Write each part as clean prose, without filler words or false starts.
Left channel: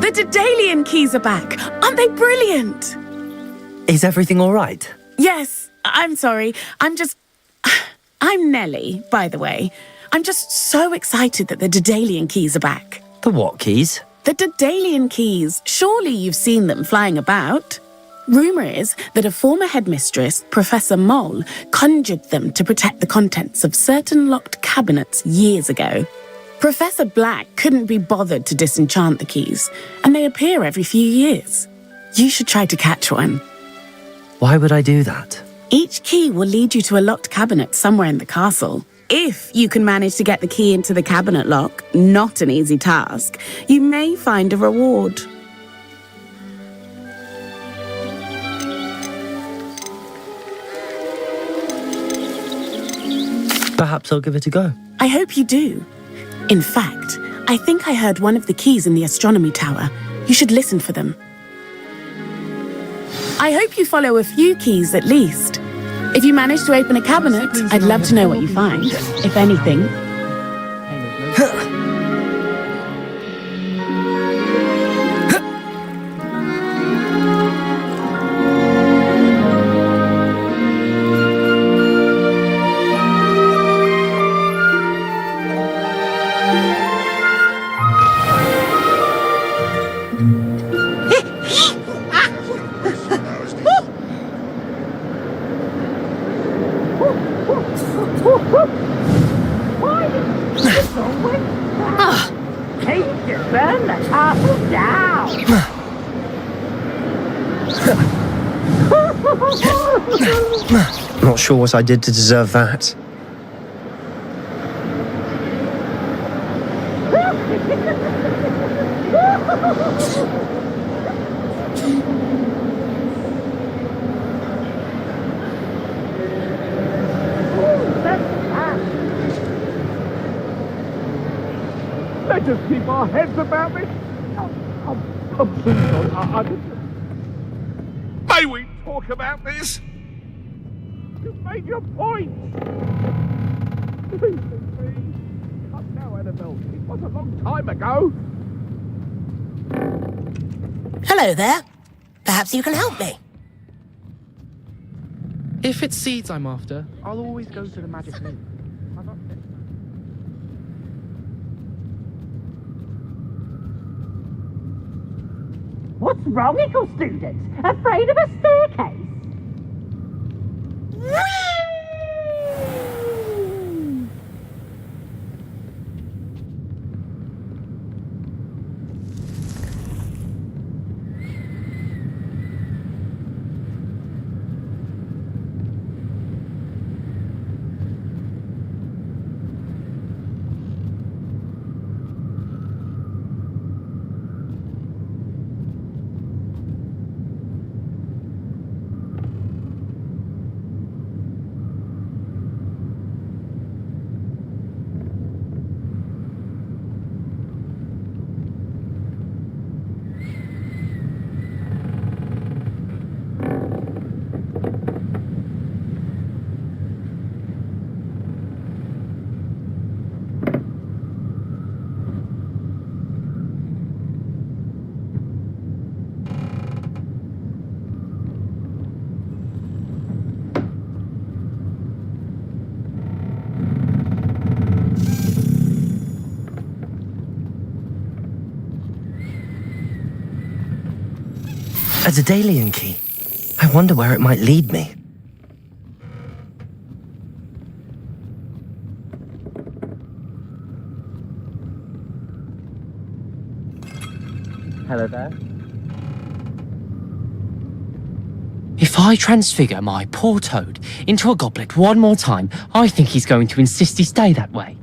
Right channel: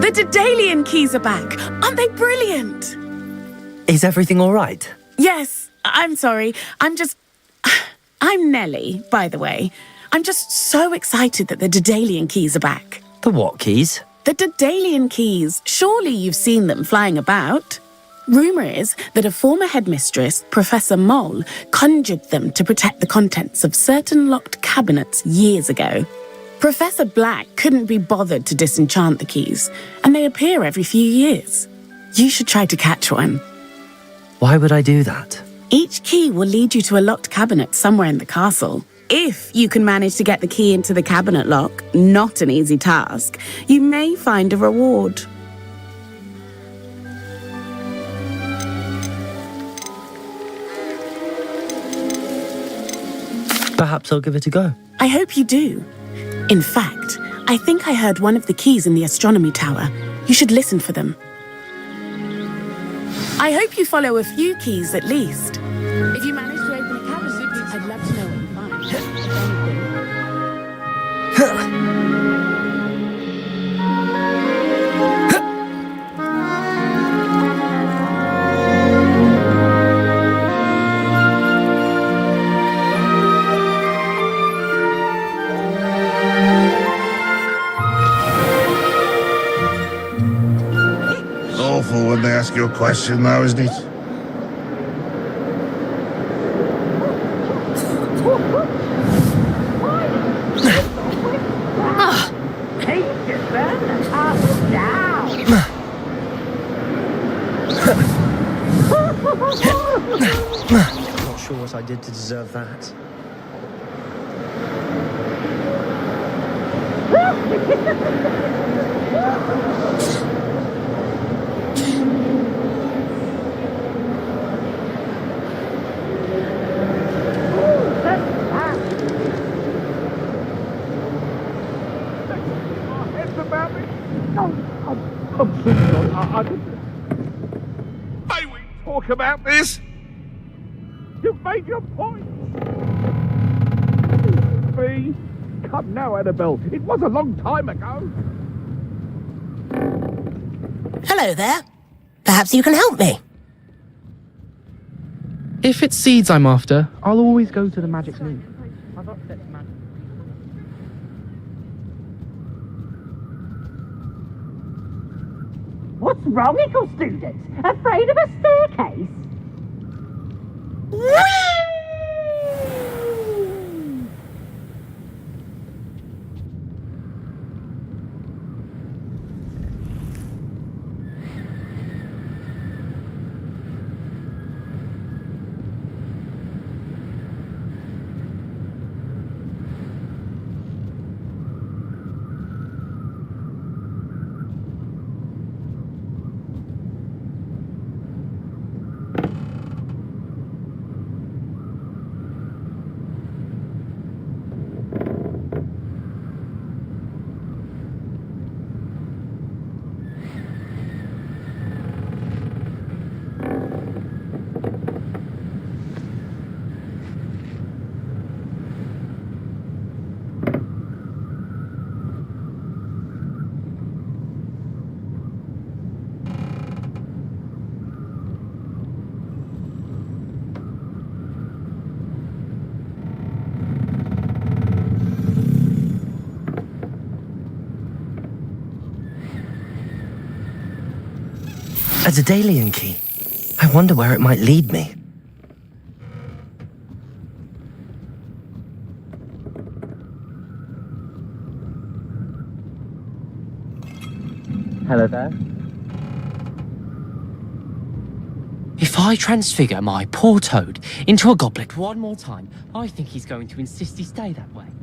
The Daedalian keys are back. Aren't they brilliant? Is everything all right? Yes, I'm sorry. I'm Nellie, by the way. I'm just so excited that the Daedalian keys are back. The what keys? The Daedalian keys. Surely you've seen them flying about. Rumour is that a former headmistress, Professor Moll, conjured them to protect the contents of certain locked cabinets years ago. Professor Black couldn't be bothered to disenchant the keys, and they appear every few years. You should try to catch one. Why would I do that? Each key will lead you to a locked cabinet somewhere in the castle. If you can manage to get the key into the cabinet lock, not an easy task, you may find a reward. Perhaps I'll give it a go. I hope you do. In fact, I think I heard one of the keys in the astronomy tower. You should listen for them. I hope you follow a few keys at least. If you manage to open a cabinet, I'd love to know what you find, if anything. Question now, isn't it? Burn the castle down! Not sure what I did to deserve that. Let's just keep our heads about this. I'm sorry. May we talk about this? You've made your point. Please. Come now, Annabelle. It was a long time ago. Hello there. Perhaps you can help me. If it's seeds I'm after, I'll always go to the magic loop. I've upset magic. What's wrong, little students? Afraid of a staircase? A Daedalian key. I wonder where it might lead me. Hello there. If I transfigure my poor toad into a goblet one more time, I think he's going to insist he stay that way.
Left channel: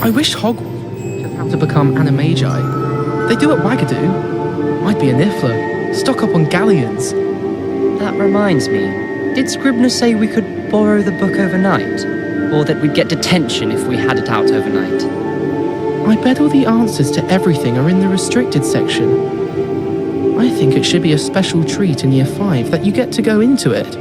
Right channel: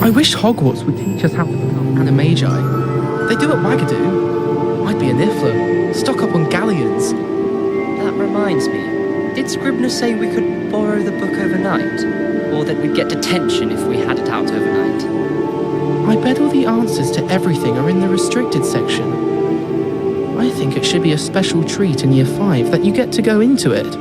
I wish Hogwarts would teach us how to become animagi. They do at Wagadoo. I'd be a Niffler. Stock up on galleons. That reminds me, did Scribner say we could borrow the book overnight? Or that we'd get detention if we had it out overnight? I bet all the answers to everything are in the restricted section. I think it should be a special treat in Year 5 that you get to go into it.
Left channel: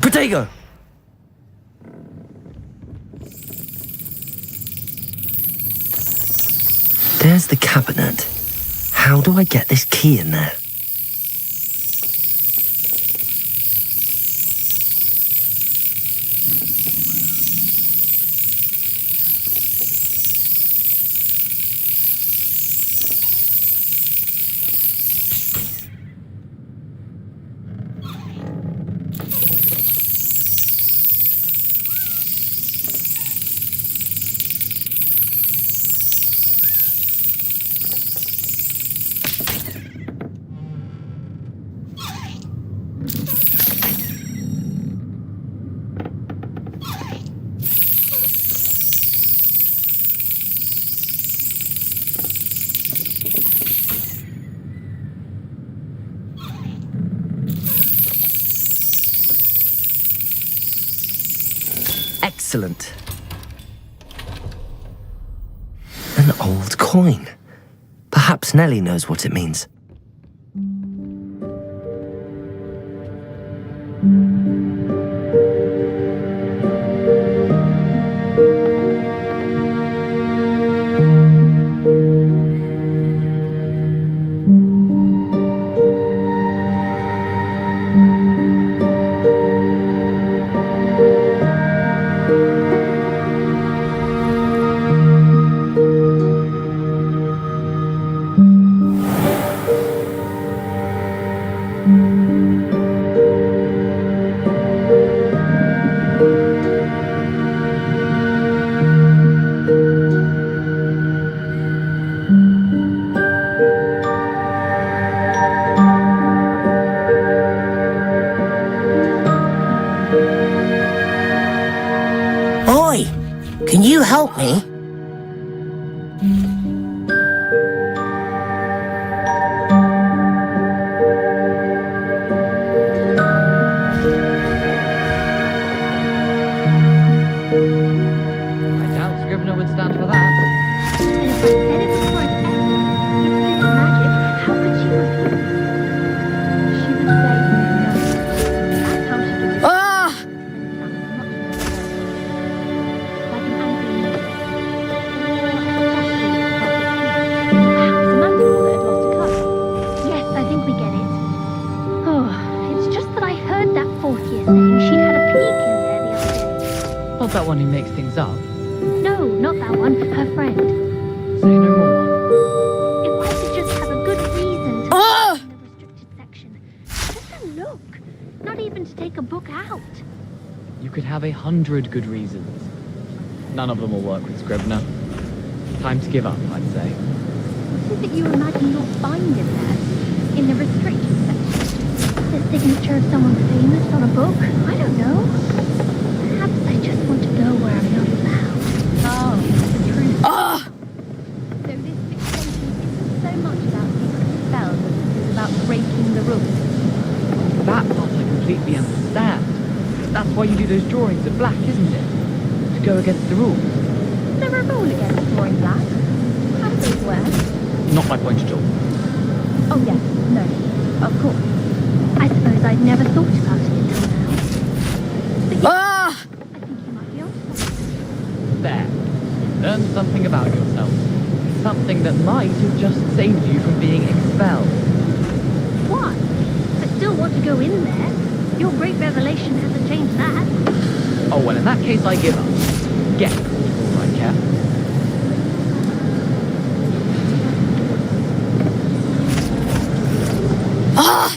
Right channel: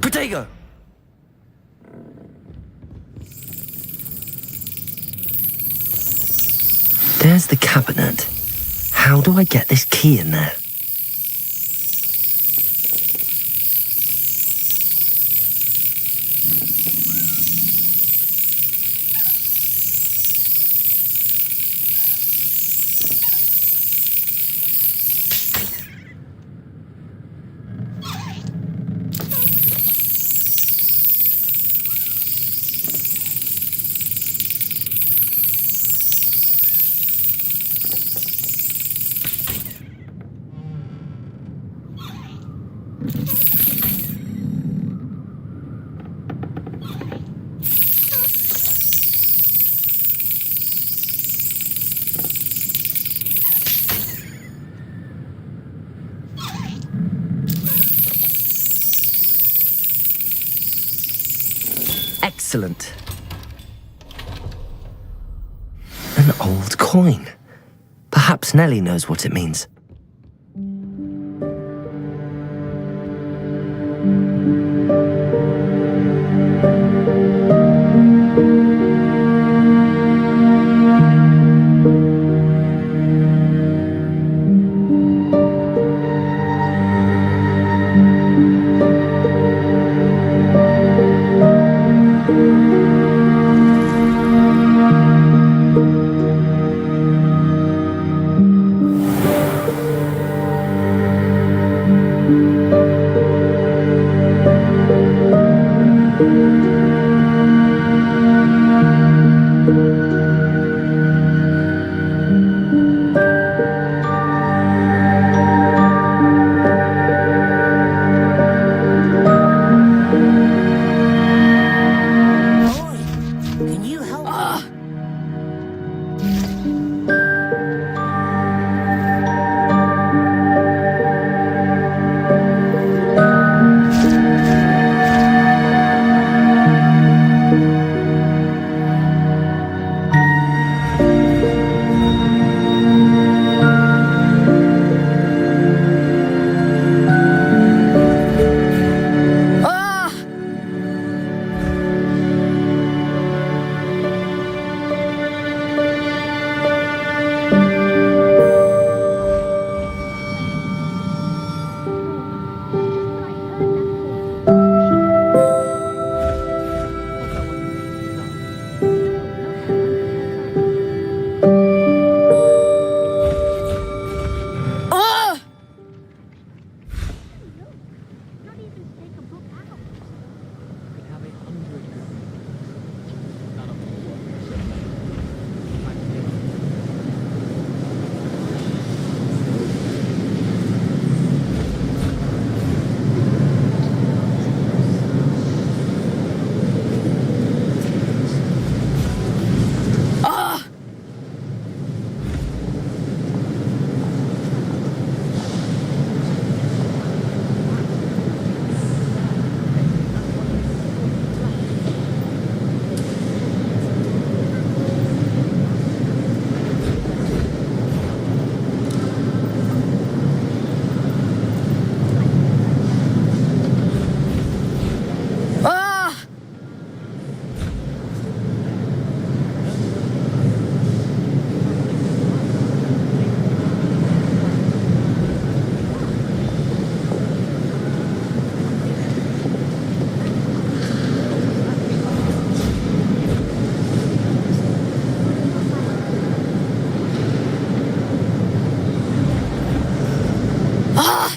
Protego! There's the cabinet. How do I get this key in there? Excellent. An old coin. Perhaps Nellie knows what it means. Oi! Can you help me? Doubt Scrivener would stand for that. Ah! Yes, I think we get it. Oh, it's just that I heard that Portkey saying she'd had a peek in there the other day. Not that one who makes things up. No, not that one. Her friend. Say no more. If I could just have a good reason to Ah! in the restricted section. Just a look. Not even to take a book out. You could have 100 good reasons. None of them will work with Scrivener. Time to give up, I'd say. What is it you imagine you'll find in there? In the restricted section? The signature of someone famous on a book? I don't know. Perhaps I just want to go where I'm not allowed. Oh, true. Ah! So this extension isn't so much about secret spells as it is about breaking the rules. That part I completely understand. That's why you do those drawings in black, isn't it? To go against the rules. Is there a rule against drawing black? How does it work? Not my point at all. Oh yes, no, of course. I suppose I'd never thought about it until now. Ah! I think you might be onto something. There. Learn something about yourself. Something that might have just saved you from being expelled. Why? go in there. Your great revelation hasn't changed that. Oh, well, in that case, I give up. Get it, right, Cat? Ah!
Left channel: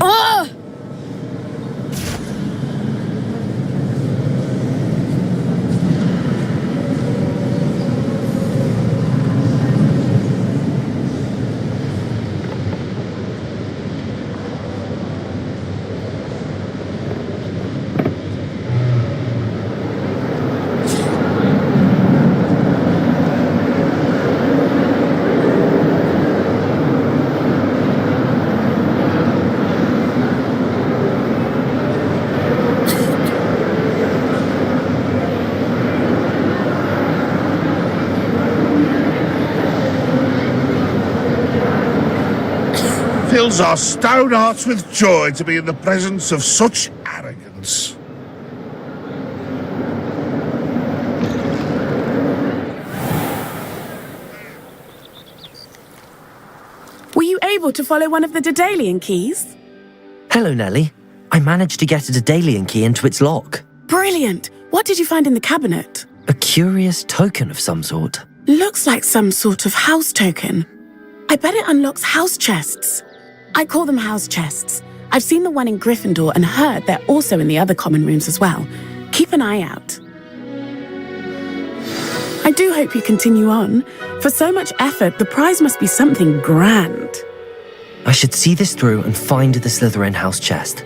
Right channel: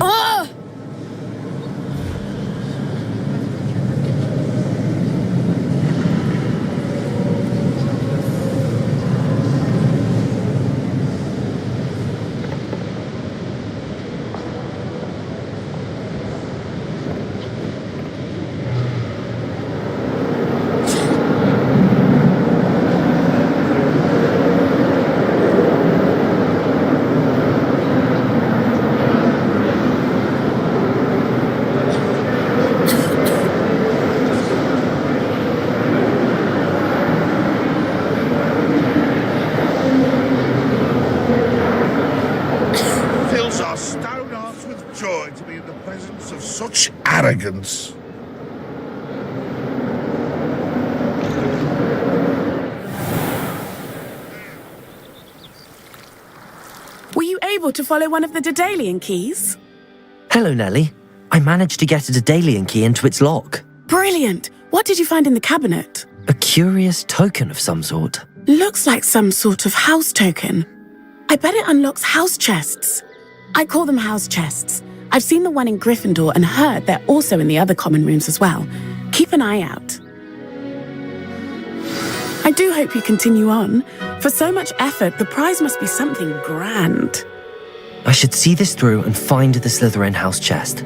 Ah! Fills our stout hearts with joy to be in the presence of such arrogance. Were you able to follow one of the Daedalian keys? Hello, Nellie. I managed to get a Daedalian key into its lock. Brilliant! What did you find in the cabinet? A curious token of some sort. Looks like some sort of house token. I bet it unlocks house chests. I call them house chests. I've seen the one in Gryffindor and heard they're also in the other common rooms as well. Keep an eye out. I do hope you continue on. For so much effort, the prize must be something grand. I should see this through and find the Slytherin house chest.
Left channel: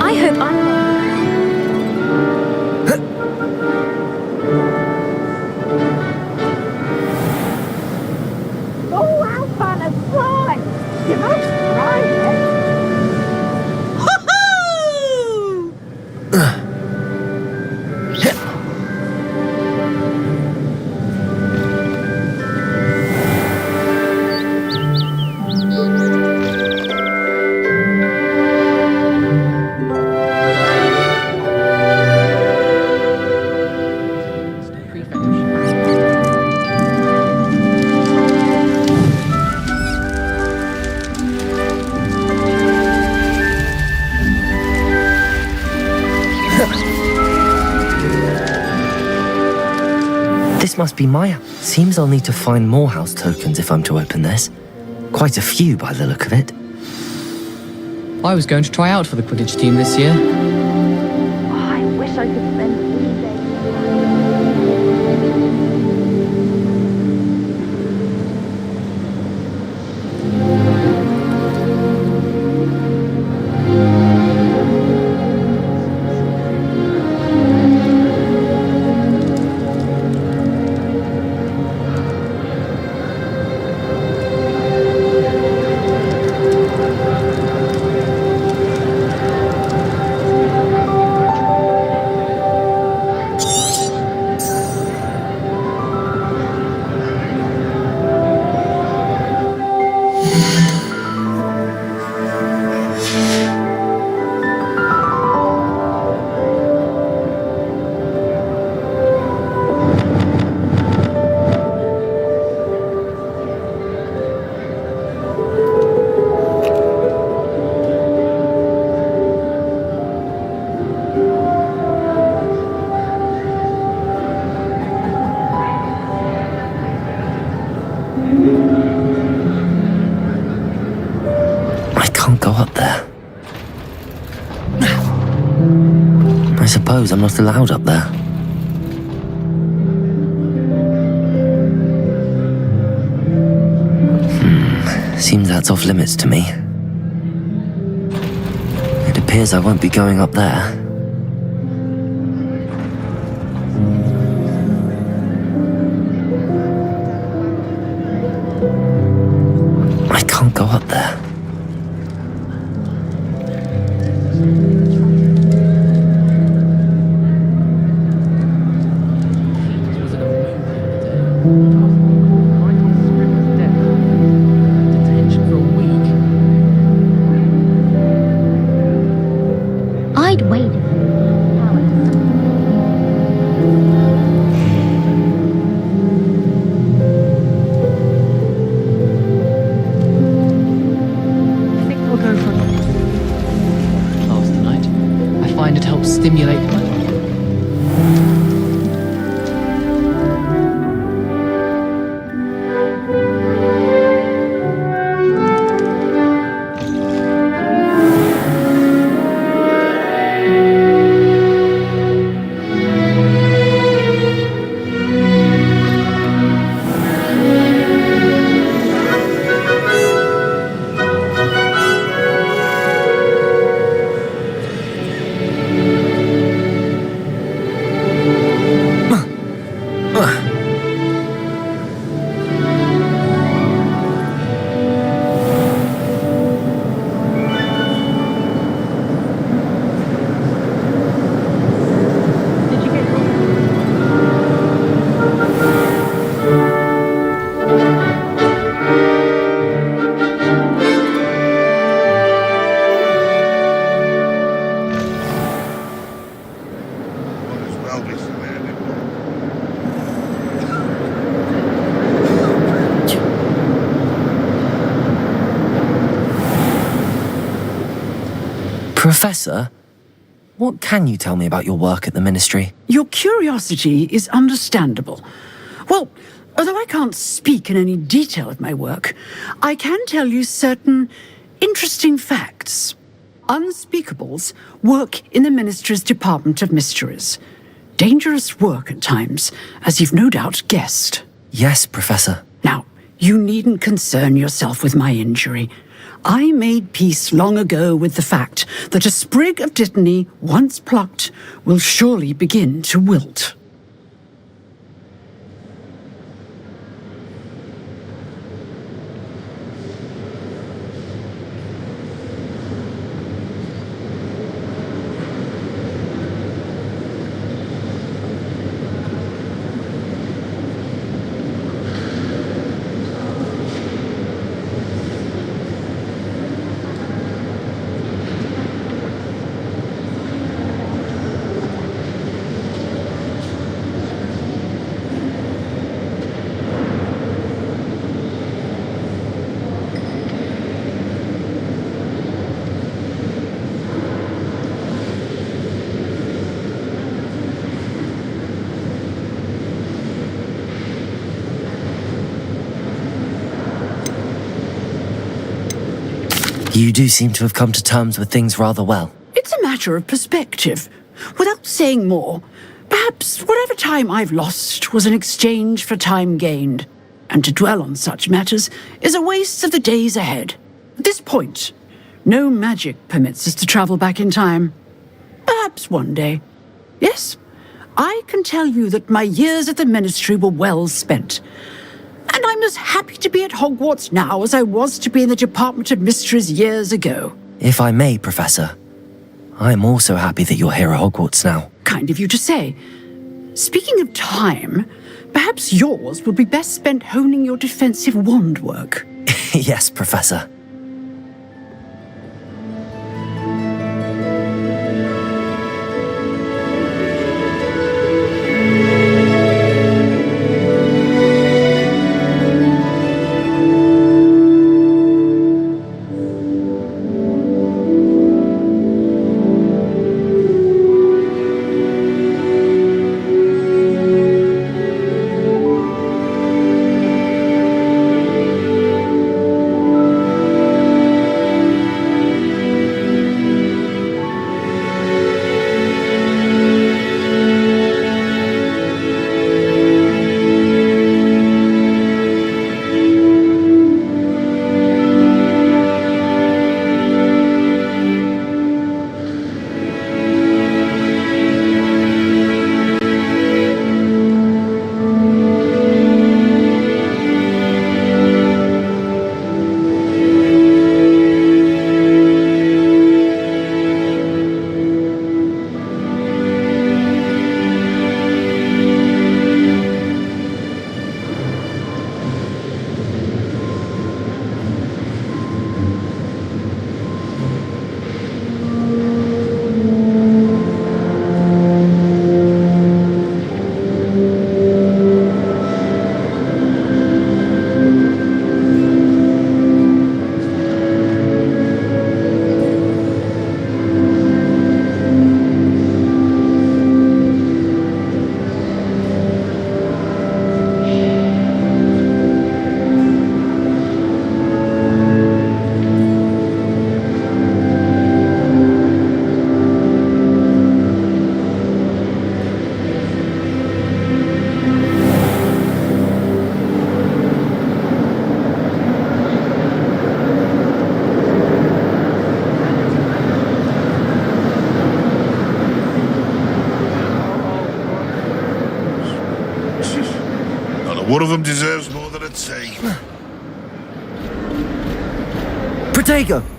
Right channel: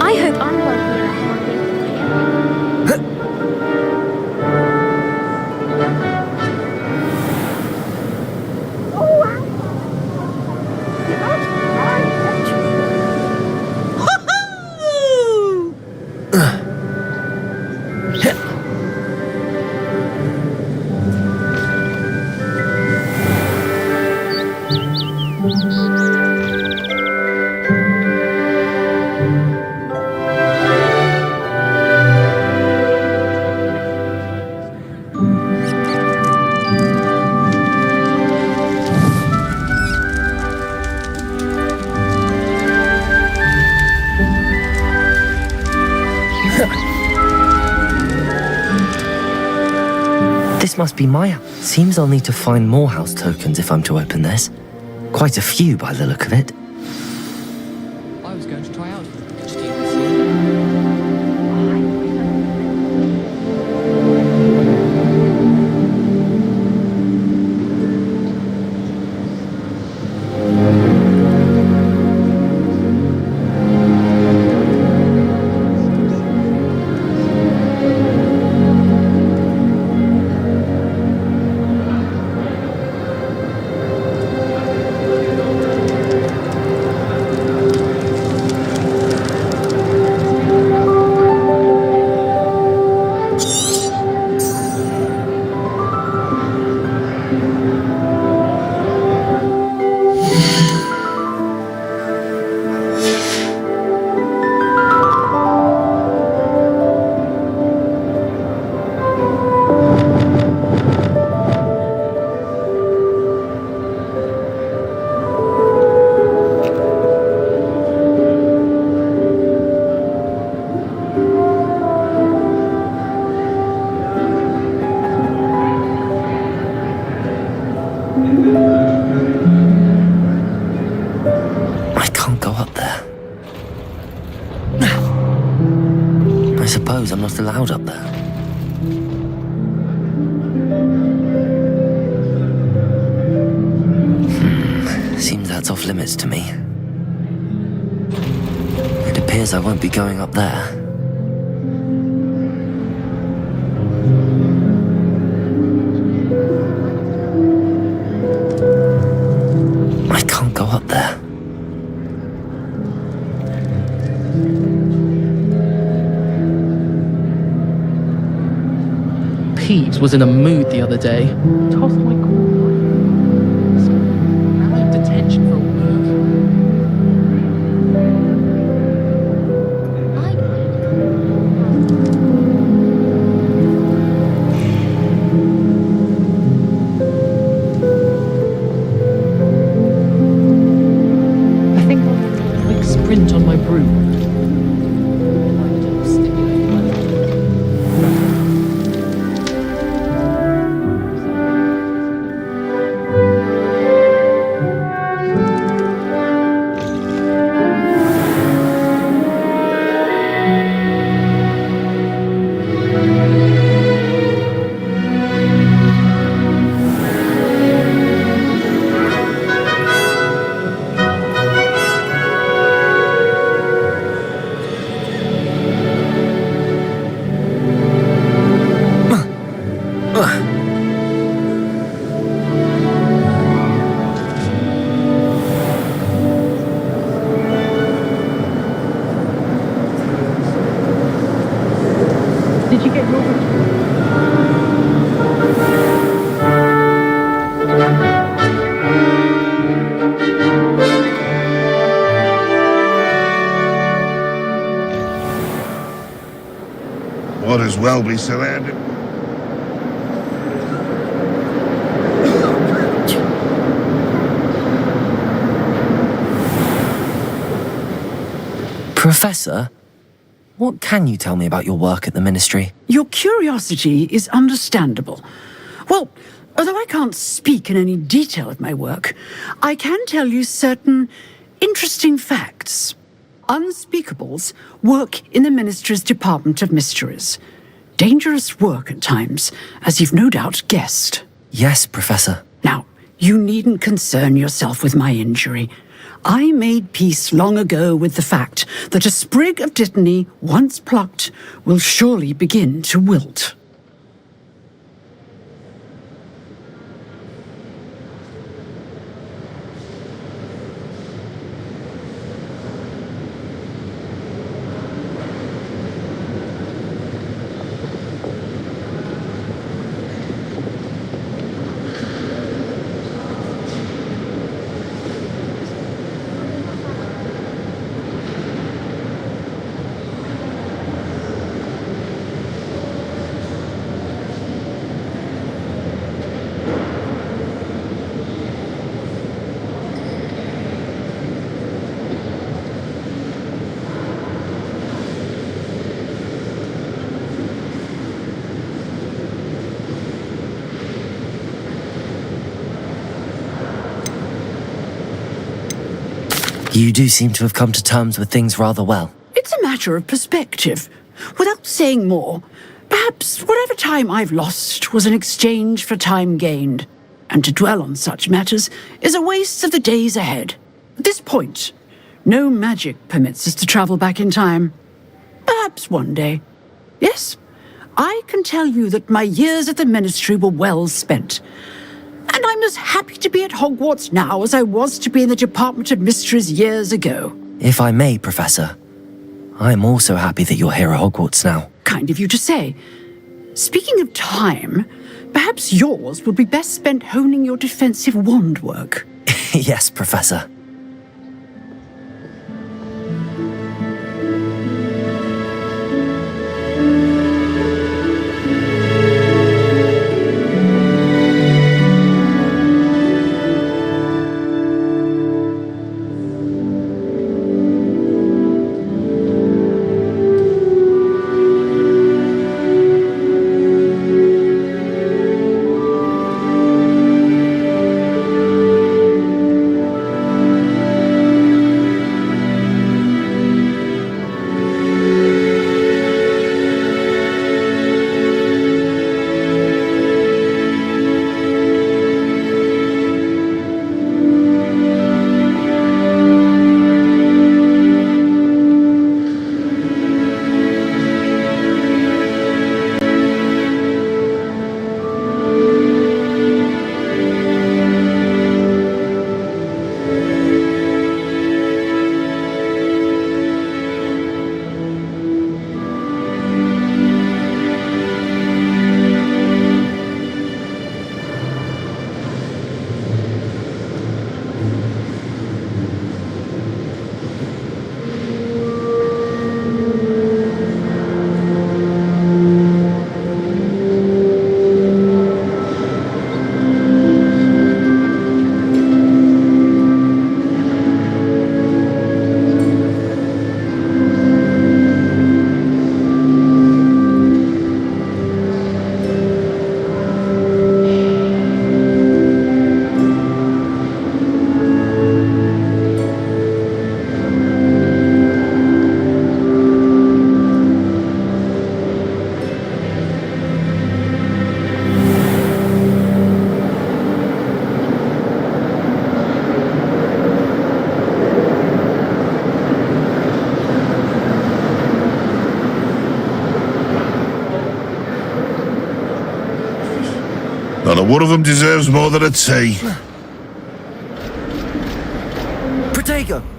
I hope I'm lucky. Oh, how fun and fly! You must try it. This must be my house. Seems I'll need to find more house tokens if I'm to open this. Quite a few by the look of it. I was going to try out for the Quidditch team this year. Oh, I wish I could spend all day. I can't go up there. I suppose I'm not allowed up there. Seems that's off limits to me. It appears I won't be going up there. Peeves was in a mood the other day. Tossed my court right on the scribbler's desk. And I had detention for a week. I'd waited. I think I'll go for a quick sprint on my broom after class tonight. I find it helps stimulate my lungs. Did you get your... What as well be surrounded. Professor, what can you tell me about your work at the Ministry? Your curiosity is understandable. Well, although I can't speak in any detail of my work, I can tell you certain interesting facts. Unspeakables work in the Ministry's Department of Mysteries. Dangerous work at times, as you've no doubt guessed. Yes, Professor. Now, you needn't concern yourself with my injury. I made peace long ago with the fact that a sprig of dittany, once plucked, will surely begin to wilt. You do seem to have come to terms with things rather well. It's a matter of perspective. Without saying more, perhaps whatever time I've lost was an exchange for time gained. And to dwell on such matters is a waste of the days ahead. At this point, no magic permits us to travel back in time. Perhaps one day. Yes, I can tell you that my years at the Ministry were well spent. And I'm as happy to be at Hogwarts now as I was to be in the Department of Mysteries years ago. If I may, Professor, I'm also happy that you're here at Hogwarts now. Kind of you to say. Speaking of time, perhaps yours would be best spent honing your defensive wand work. Yes, Professor. Not a one of them deserves more than a tea. Protego!